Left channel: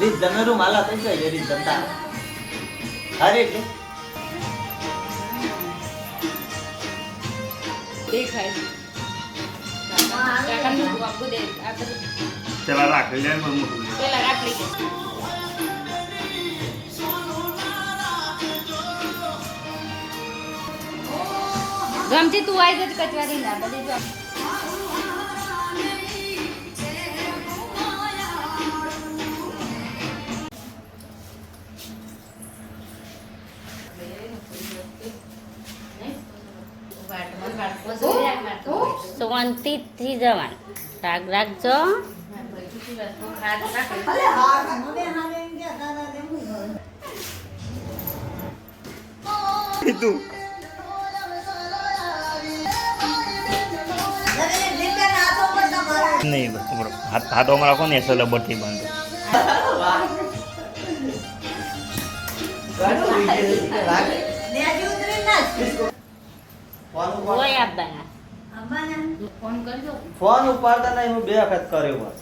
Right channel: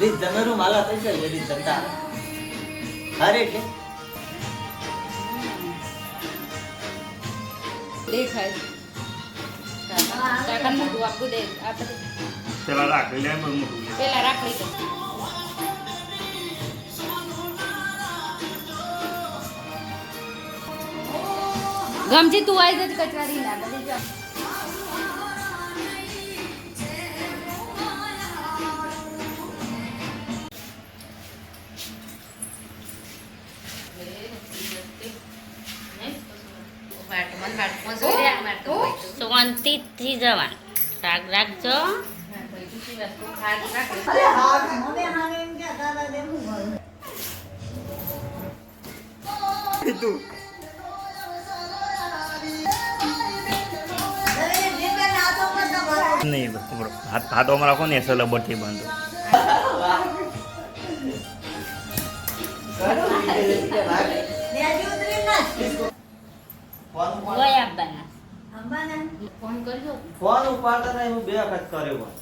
રીત જમેરું માલા થઈ જાય રીત જમતા અરે કે દેખાય કાકા નું આપું દે આપણે પેલા રાખ લે મોટું લે પેલા રાખી દે ગમતી તું આવી જતી કચવારી ના બધી જો શાંતિથી જવાનું રાગ રાખજો નહીં બસ હાથો અમારા કોને એસલ બટી બંધ હોય આપવાના ફોન કરજો ફોન ઉપાડતા નહીં હું 2 વખત કર્યો